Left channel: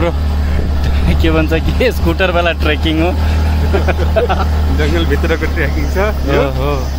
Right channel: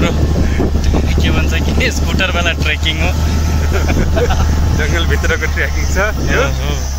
हाम्रो के भन्छ कि स्कुटरवाला ट्रेकिङ हो। जङ्गलभित्रको ट्रेकिङ छ यो।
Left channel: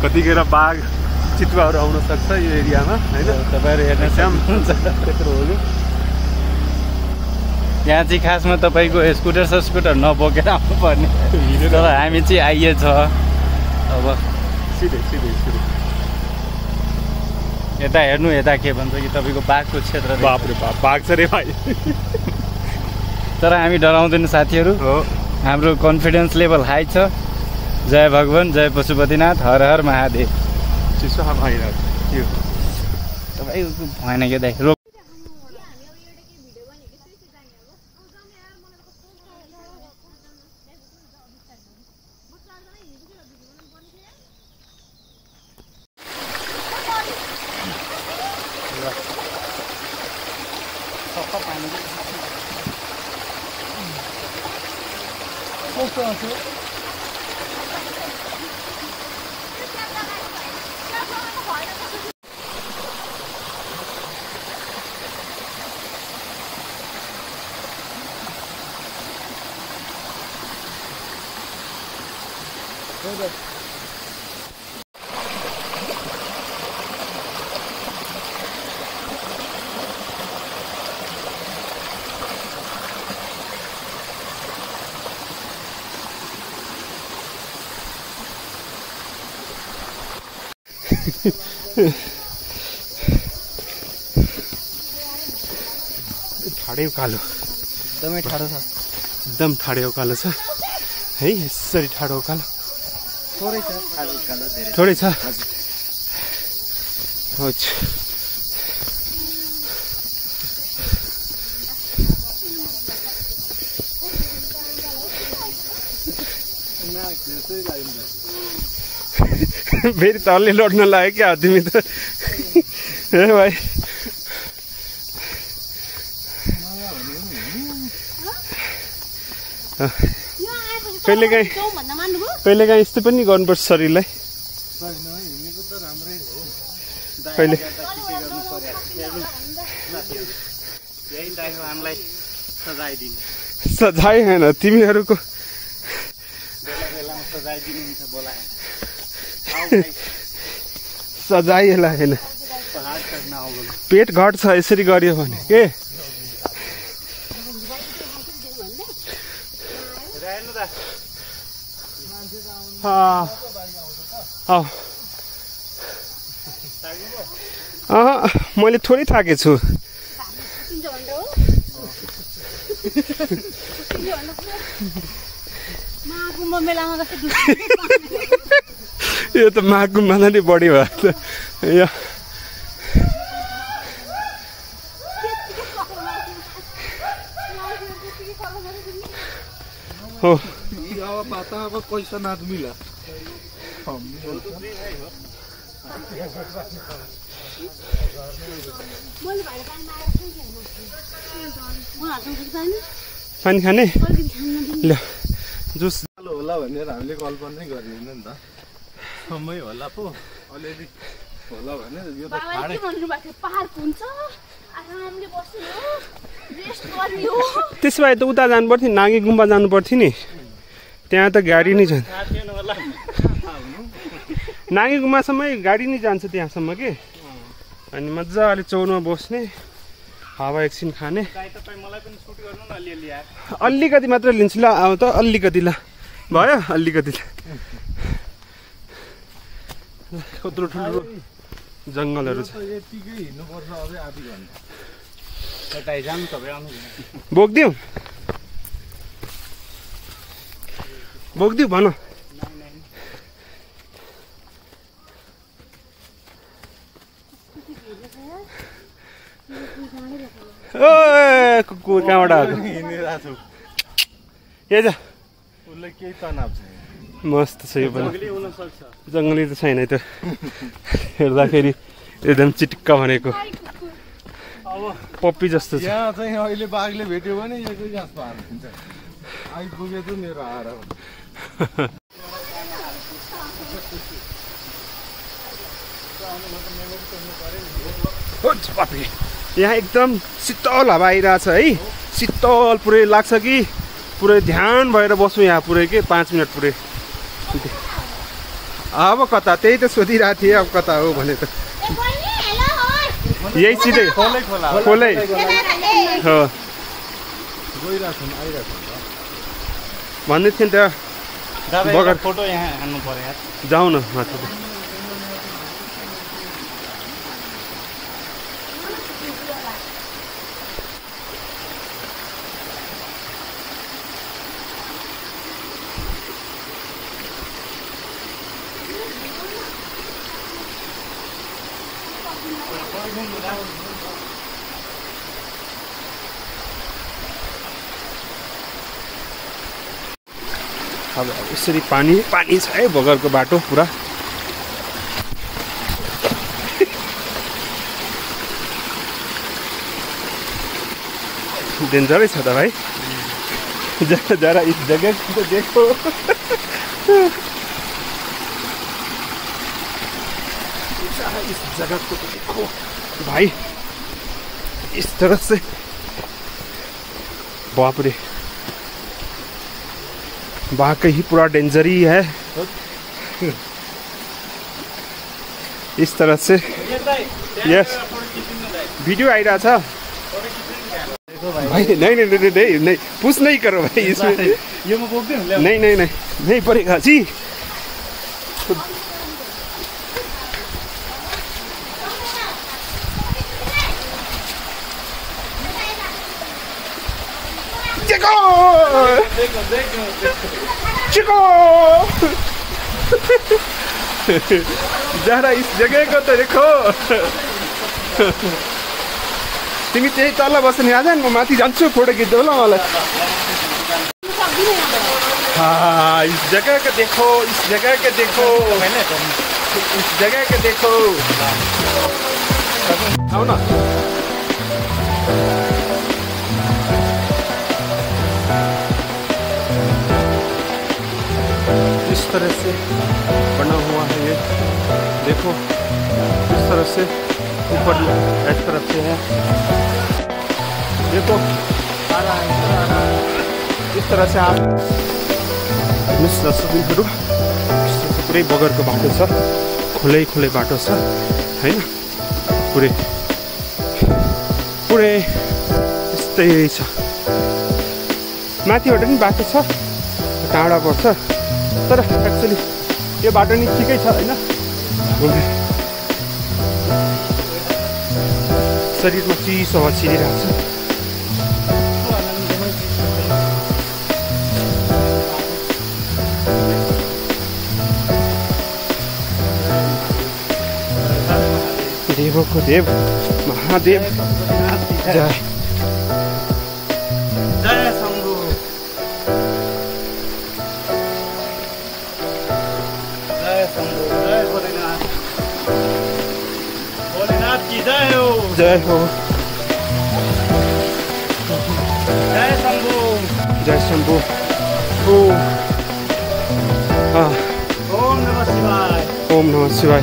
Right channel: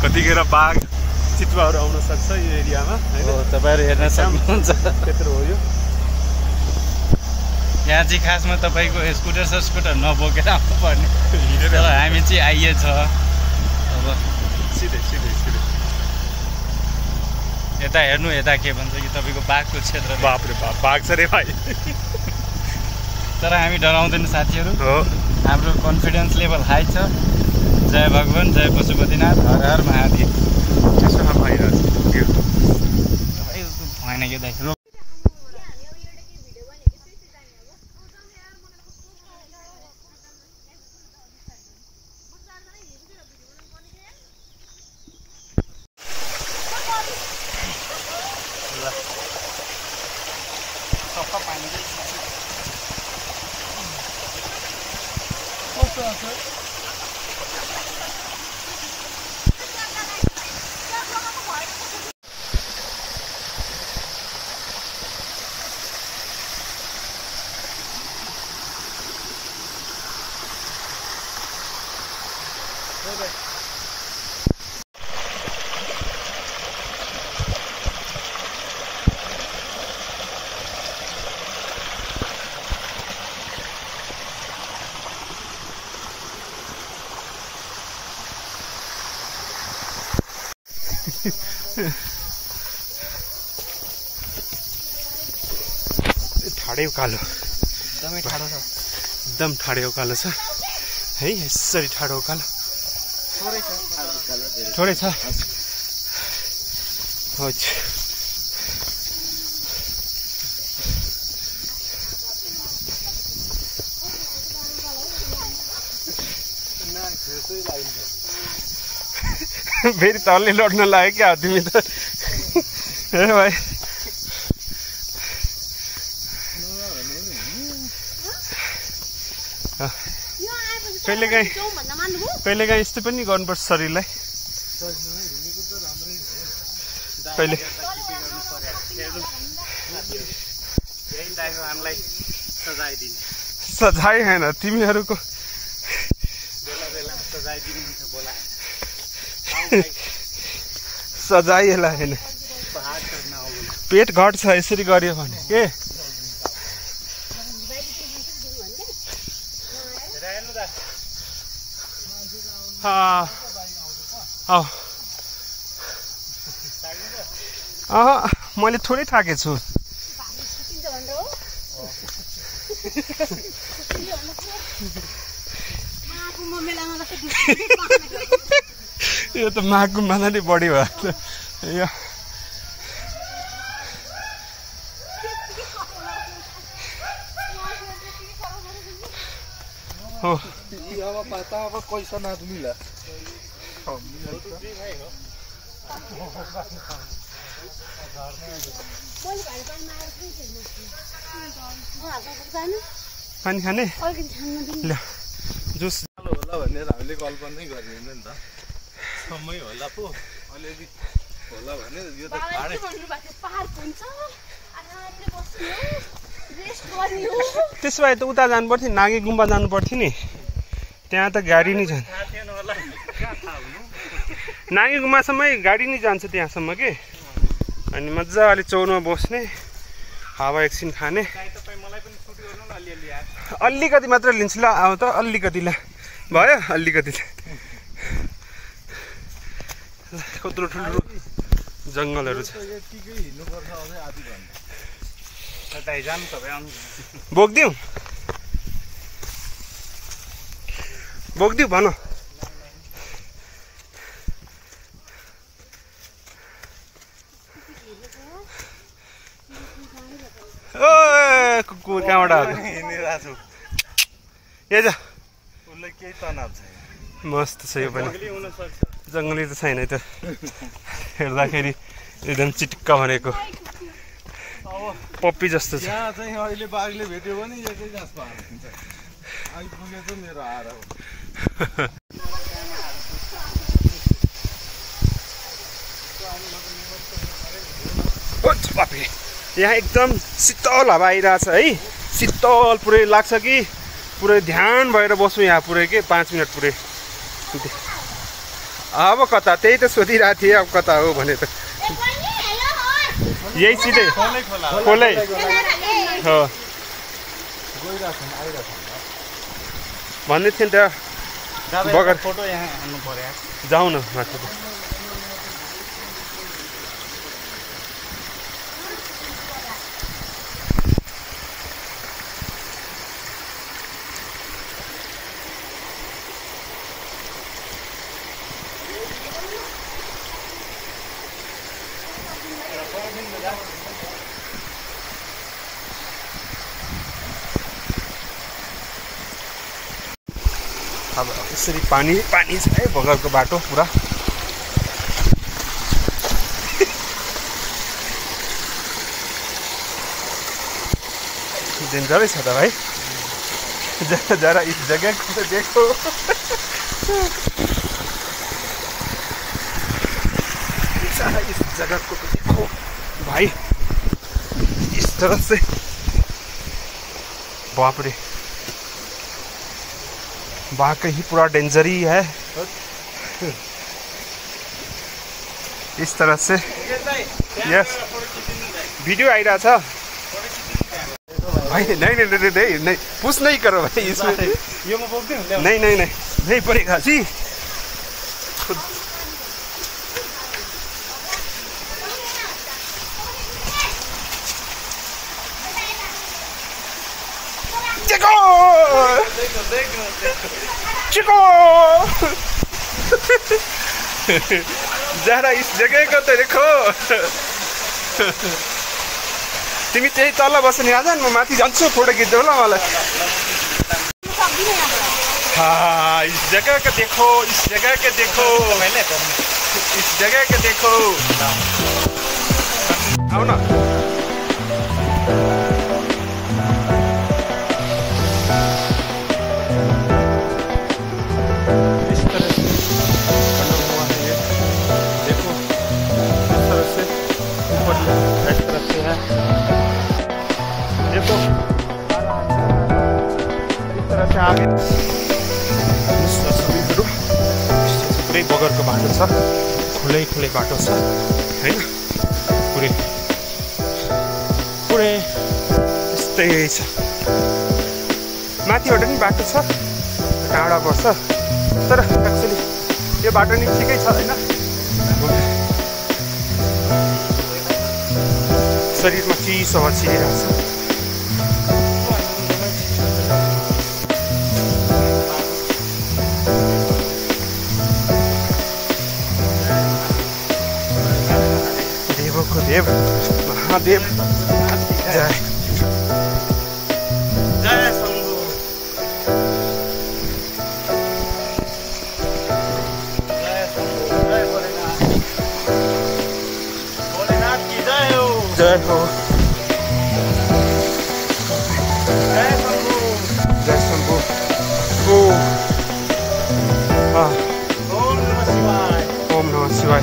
कतिखेर बाघ चितुवाहरू आउन सक्छ यो एरियामा हैन। तपाईहरु हेर्न सक्नुहुन्छ त्यत्रो हो यो। यहाँ चाहिँ खासमा तपाईको स्कुटर नबोकेर आउनु पर्ने, तर हामी चाहिँ आइएछ। अब सिधै यता हेर्नु, यता के भन्छ कि तपाईको बाघको क्षेत्र। बाप रे बाप, बाघ छ रे भाइ। तर हामी डराउँदैन साथीहरू, हाम्रो कन्फिडेन्स लेभल हाई छ। जय भगवान, जय पशुपतिनाथ, हर हर महादेव। चिसो हावा आइरहेछ यो भएन के देख। सफा पानी कस्तो आउँछ? ठाडै उकालो, एकदमै ठाडो छ। एकदम ठाडै उकालो छ है। यसरी ठाडो उकालो थोरै छ। फेरि तलले लड्न लाग्यो क्या तिमी त ए भाइ। कहिलेकाहीँ यस्तो पनि गर्नुपर्छ शरीरलाई। कहिले सजाय होइन तिमीहरूको सजायलाई होइन, पेट घट्छ यसरी गर्यो भने के। मैले थोरै थाकेछु। यो त महाकुम्भ नै बढी भयो त यो। हो पैसा नाच मिला पानी खाने ल जुस होला भनेर हामीले कल्पना नै गरिएन नि त। समय होला पो अलिअलि होला भने यो त खाडै पार्क हुन्छ आरामले बस्नु हो। त्यसो भए त उता जानु पर्थ्यो, नागी गुम्बा जानु पर्थ्यो नि। त्यहाँ त गाडी नै जान्छ, नागी गुम्बासम्मै गाडी नै जान्छ त्यहाँसम्म के। अनि मजाले चौरमा बस्ने, हावा एकछिन खाने। अलिकति मात्र लिन्छु ल, आऊ त अलिकति ल भयो अलिकति। कत्रो ठुलो जङ्गलहरू छ। बोकिदिउँ भन। ओ कुकुर कहाँबाट हिँडिरहेको छु। ए जा उसलाई केही तनाव छैन, मस्त छ यो पनि। जङ्गली त छैन त, हेर्दाखेरि एकदम चिटिक्क भनेको पप्पी जस्तो छ। यहाँ चाहिँ अहिले बाघले भेट्यो भने एकै घाँस पार्छ। आइपुगे चाहिँ मेरो आएर हो। यहाँ एकदम शीतल हावा आइरहेछ है। शीतल पुरै लाग्छ कि पुरै ध्यान भएर बस्छु यहाँ पुरै के 5 मिनट पुरै। अब कता त्यही त सोधिरहेको थिएँ अब कता हो भने त यही सिधै खोलै हो भन्दै थिएँ नि त बगर फोटो यहाँ हान्नु पर्यो जाउँ न माथि। अब यसरी पानी छ है बगरको बाटो पुरा। डेन्जरै छ त भाइ। जरा इस जगह को तो देखो। इस जगह को तो देखो भाई, इस तरह से बाप रे वाकई ही पूरा डेंजर ही है। इस तरह से यस वीडियो आइरहा छ भाई। नहीं पुश नहीं करो भाई इसमें। नहीं पड़ेगा जी। देखो जरा इस जगह को तो देखो। तिमी त्यही तल बस्ने आज म माथि जान्छु फोटो खिच्दै होला मलाई। हाँ इस जगह को देखो, इस जगह को देखो, इस जगह को देखो। आओ ना इस तरह से बना हुआ है ये देखो। इस तरह से ऊपर एक तरफ से है देखो। इस तरह से आगे सबैहरू पुरै बगरको बाटो छ, खुलै बाटो छ हैन। पुरै यस्तै छ। माथिबाट पनि बाटो छ, टाढा पर्छ तर एक्चुअली यो बाटो नि ठिकै छ हैन। शरीरमा चिसो हावा छिरिरहेको छ। देवको देव महादेव जय शम्भु। जय हो जय शंभु। ओम नमः शिवाय।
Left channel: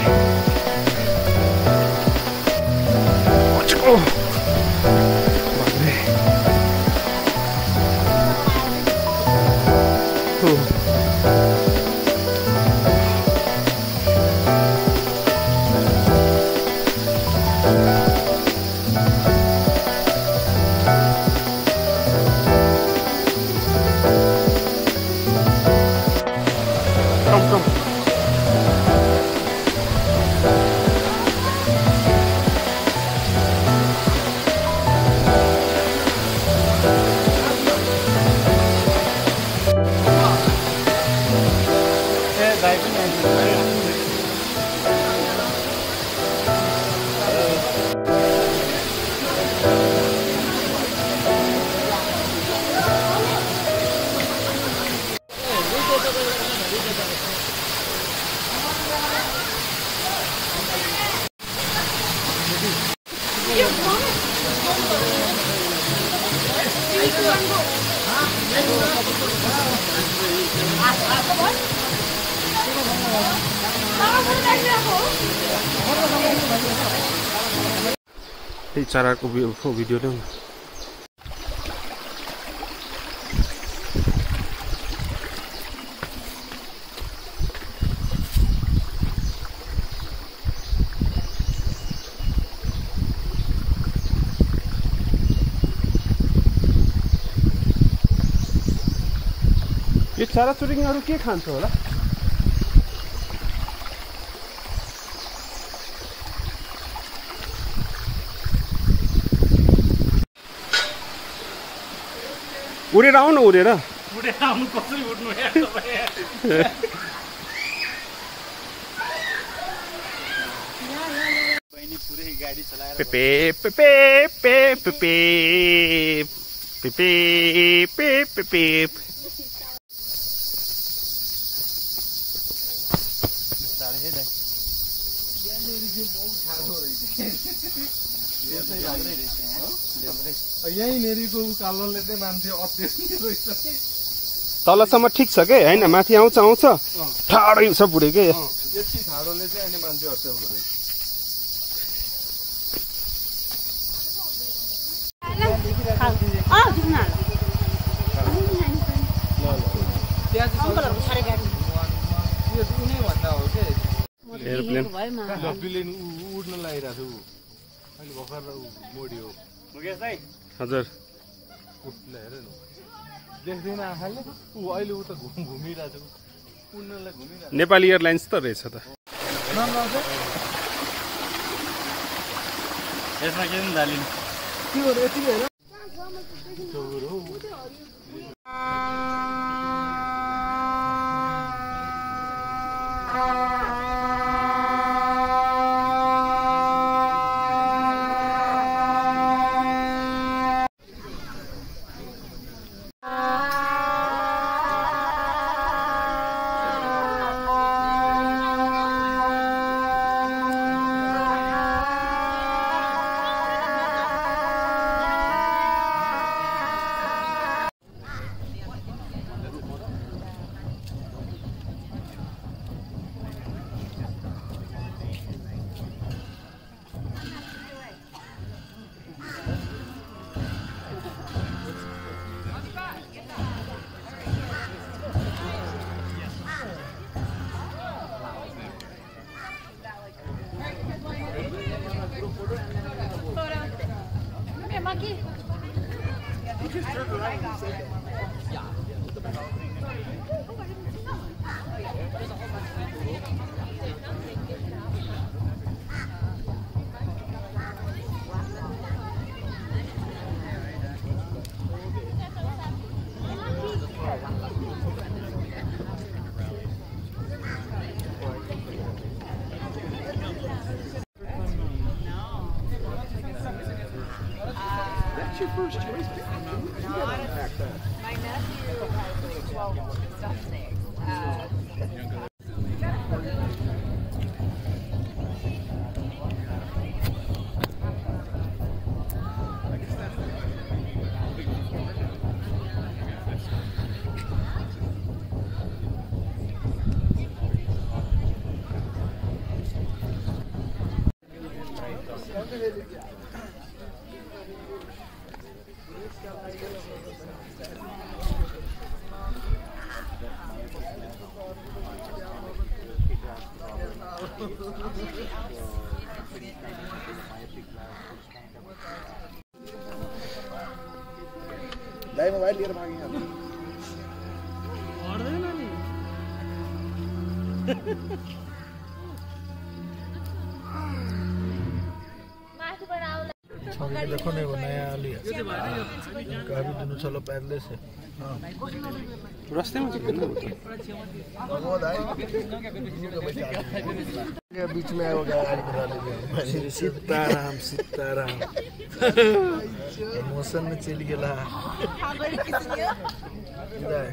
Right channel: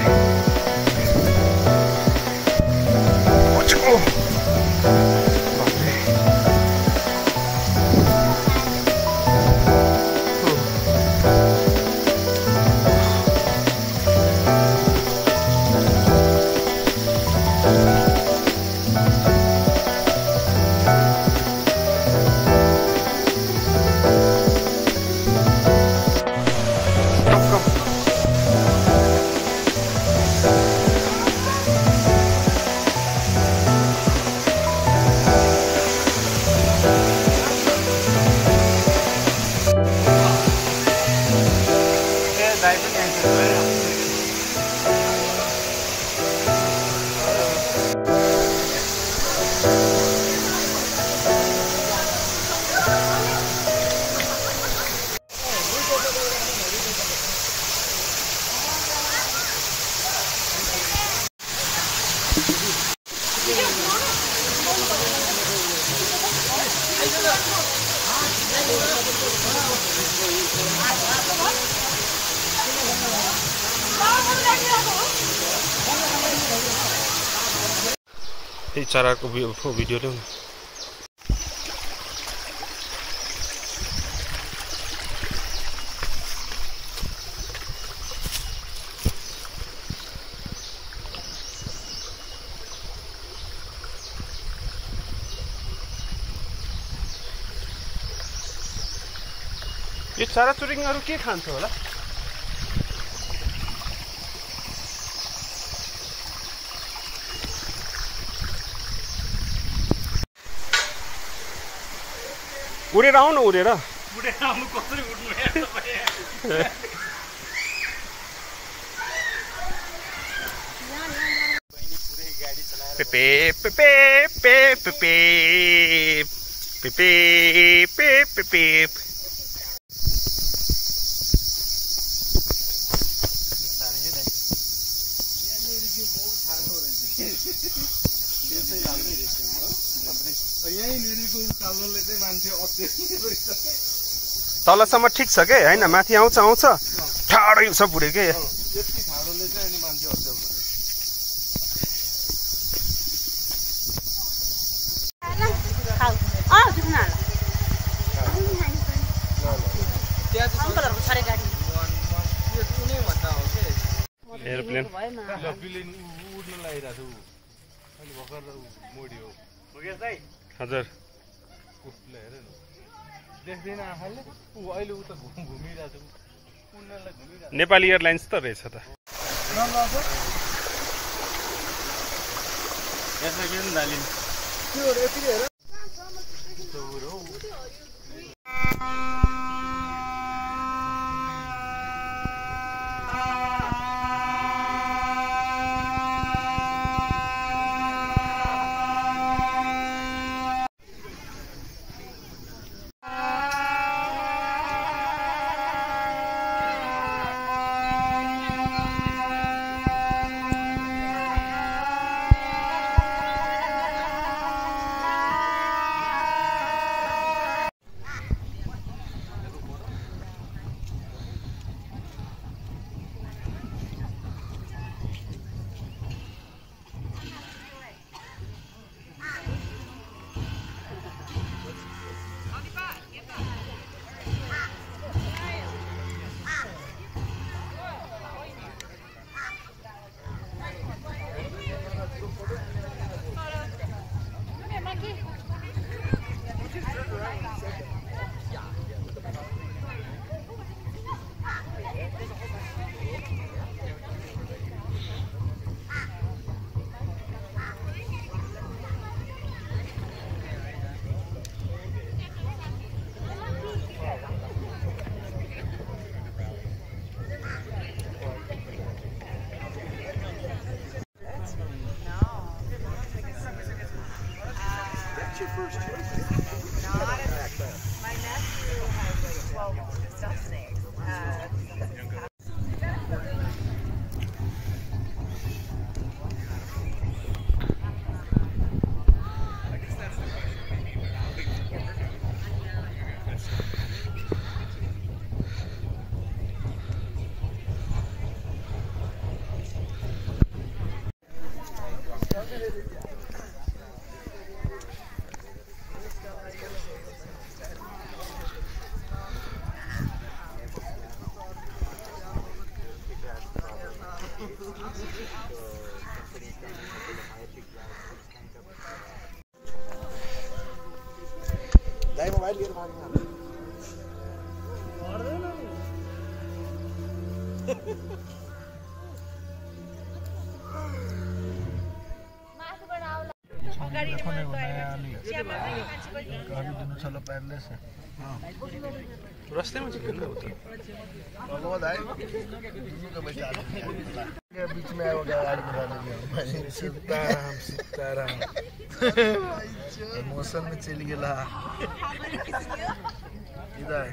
यही चराको भिडियो ल्याउनु। चराचुरुङ्गीहरू के खान्छ होला? उडेर आउनु उडेर यहीँनेरिको उकालोले चाहिँ मान्छे अत्याधिक रहेछ। तलसम्म ठिक छ के होइन, माथि आउँछ ठाडै छ पुरै के। यति ठाडोले चाहिँ अनि मान्छे अत्याउँदो रहेछ। एयरप्लेन प्लेन उड्न लागिरहेको छु अहिले भर्खर मोडियो। हजुर हेर न देख्दैन आँखाले अहिले उता घुमिरहेको छु उड्नलाई घुमिरहेको। नेपाली एयरलाइन्स त रहेछ त। यसमा के हालिनु दाइ मोबाइल लिएर माग्नु पर्दैन नि माथिबाट आउला देखो नहीं वो नया आली है गाड़ी दोनों चलो पैदल से रास्ते में कितना होता है बीच में आया वो गाड़ी करा लेंगे सीताराम सीताराम इमोशन में चल गया इधर